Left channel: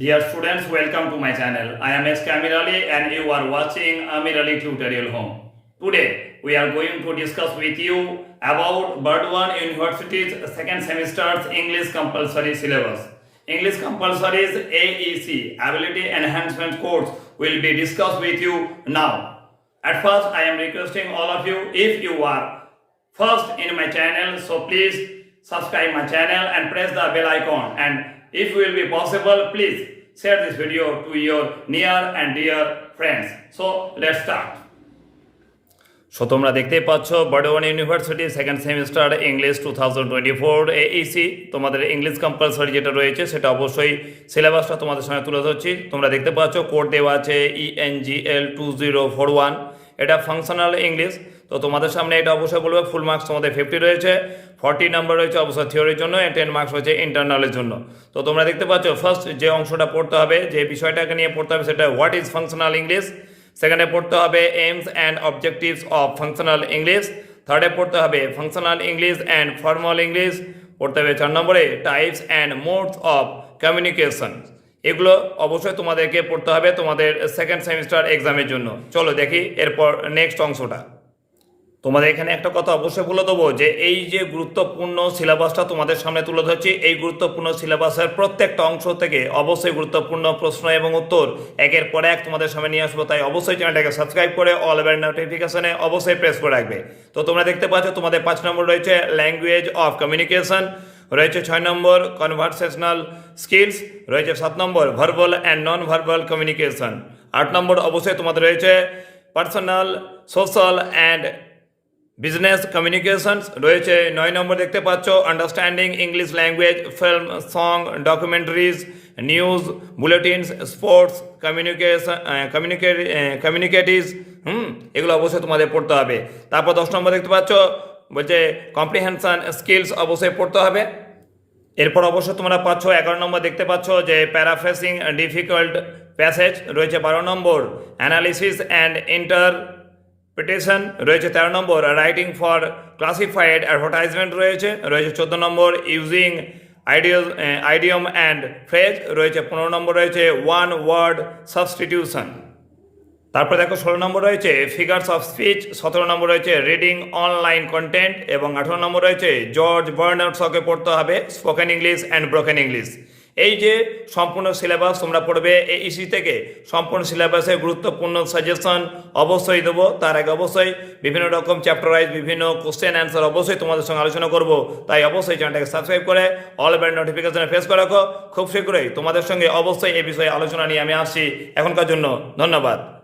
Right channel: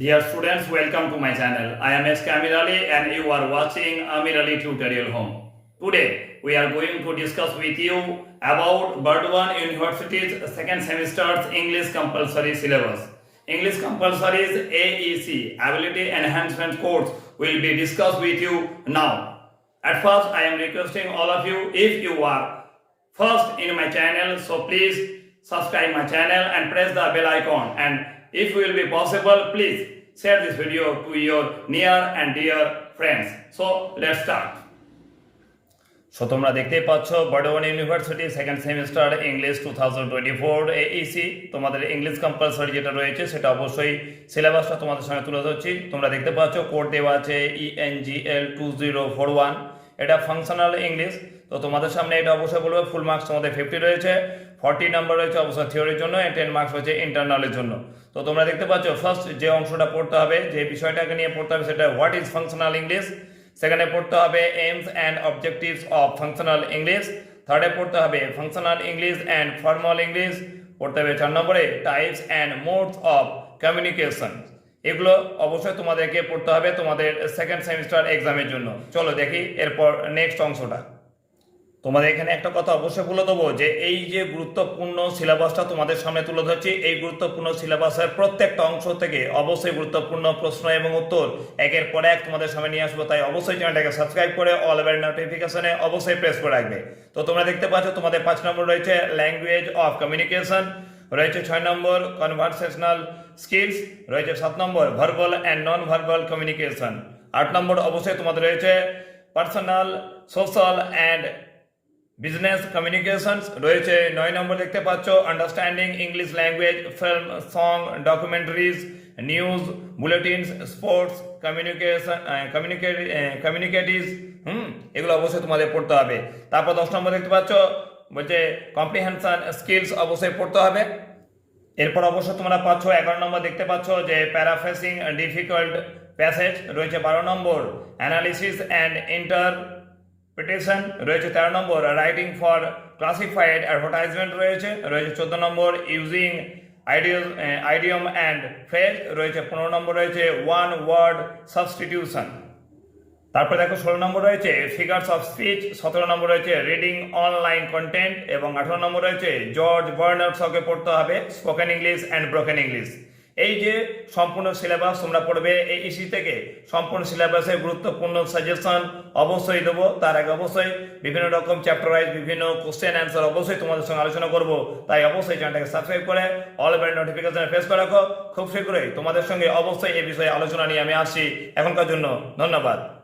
Dear students, welcome to my channel. I am S. Amir Ali and you are watching Amir Ali Tutorial Home. Today, we are going to discuss with you about Burdwan University's second semester's English compulsory syllabus. English compulsory's AEC, Ability Enhancement course, will be discussed with you now. At first, I am requesting all of you, if you are first in my channel, so please subscribe my channel and press the bell icon. And if will be possible, please share this video to your near and dear friends. So let's start. So তোমরা দেখতেই পাচ্ছ Burdwan university second semester English two thousand twenty four AEC তোমাদের English compulsory যেটা রয়েছে সেটা অবশ্যই সিলেবাসটা তোমাদের সঙ্গে তুলে ধরছি তোমরা দেখতে পাচ্ছ কোড দেওয়া আছে ENGL two zero four one এটা ফাংশনাল ইংলিশ তো তোমাদের সামনে এটা অবশ্যই বলবে ফুল মার্কস তোমাদের ফিফটি রয়েছে ফর্টি নাম্বার রয়েছে অবশ্যই থিওরির জন্য টেন মার্কস রয়েছে ইন্টারনালের জন্য। তো তোমরা দেখতে পাচ্ছ ফার্স্ট যে অংশটা পড়তে হবে, যে বিষয়টাকে নিয়ে পড়তে হবে সেটা হোয়াট ইজ ফাংশনাল ইংলিশ সেকেন্ডে পড়তে হবে aims and objectives of functional English থার্ডে পড়তে হবে functional English and formal English পড়তে হবে চার নম্বরে types and modes of communication এগুলো অবশ্যই তোমাদেরকে পড়তে হবে তোমাদের সেকেন্ড সেমিস্টার এক্সামের জন্য। চলো দেখি এরপর নেক্সট অংশটা। তোমাদের এখানে একটা কথা অবশ্যই বলে দেবো যে এই যে গুরুত্বপূর্ণ সিলেবাসটা তোমাদের সামনে তুলে ধরছি, এই গুরুত্বপূর্ণ সিলেবাসের প্রত্যেকটা অংশ থেকে অবশ্যই গুরুত্বপূর্ণ প্রশ্ন এবং উত্তর একের পর এক তোমাদের সামনে নিয়ে আসব। তাই অবশ্যই চ্যানেলটাকে সাবস্ক্রাইব করে অল এভার নোটিফিকেশনে অবশ্যই প্রেস করে রাখবে। তো তোমরা দেখতে পাচ্ছ তোমাদের পাঁচ নম্বর রয়েছে ল্যাঙ্গুয়েজ অফ কমিউনিকেশন রয়েছে ছয় নম্বর কনভারসেশনাল স্কিলস রয়েছে সাত নম্বর verbal and non verbal communication আট নম্বর অবশ্যই তোমাদের রয়েছে personal social and business communications রয়েছে নয় নম্বর দেখতে পাচ্ছ understanding English language film song documentaries news bulletins sports communication communicatives hmm, এগুলো অবশ্যই তোমাদের পড়তে হবে। তারপর দশ নম্বর দেখতে পাচ্ছ, বলছে কম্প্রিহেনশন স্কিলস অবশ্যই পড়তে হবে। এরপর অবশ্য তোমরা পাচ্ছ এগারো নম্বর দেখতে পাচ্ছ যে প্যারাফেসিং ডিফিকাল্ট প্যাসেজ রয়েছে বারো নম্বর অ্যানালিসিস অ্যান্ড ইন্টার পিটিশন রয়েছে তেরো নম্বর রাইটিং ফর ক্লাসিফাইড অ্যাডভার্টাইজমেন্ট রয়েছে রয়েছে চোদ্দ নম্বর ইউজিং আইডিও আইডিয়ম অ্যান্ড ফ্রেজ রয়েছে পনেরো নম্বর, রয়েছে ওয়ান ওয়ার্ড সাবস্টিটিউশন তারপর দেখো ষোলো নম্বর রয়েছে ফিগার্স অফ স্পিচ সতেরো নম্বর রয়েছে রিডিং অনলাইন কন্টেন্ট এবং আঠেরো নম্বর রয়েছে জর্জ বার্নার্ডসকে পড়তে হবে spoken English and broken English এই যে সম্পূর্ণ সিলেবাস তোমরা পড়বে এই ইসি থেকে সম্পূর্ণ সিলেবাসের গুরুত্বপূর্ণ সাজেশন অবশ্যই দেবো। তার আগে অবশ্যই বিভিন্ন রকম চ্যাপ্টার ওয়াইজ বিভিন্ন কোশ্চেন অ্যান্সার অবশ্যই তোমাদের সঙ্গে আলোচনা করব। তাই অবশ্যই চ্যানেলটাকে সাবস্ক্রাইব করে অল ব্যান্ড নোটিফিকেশনে ফেস করে রাখো। খুব শীঘ্রই তোমাদের সঙ্গে অবশ্যই এই বিষয়ে আলোচনা নিয়ে আমি আসছি এখনকার জন্য। ধন্যবাদ।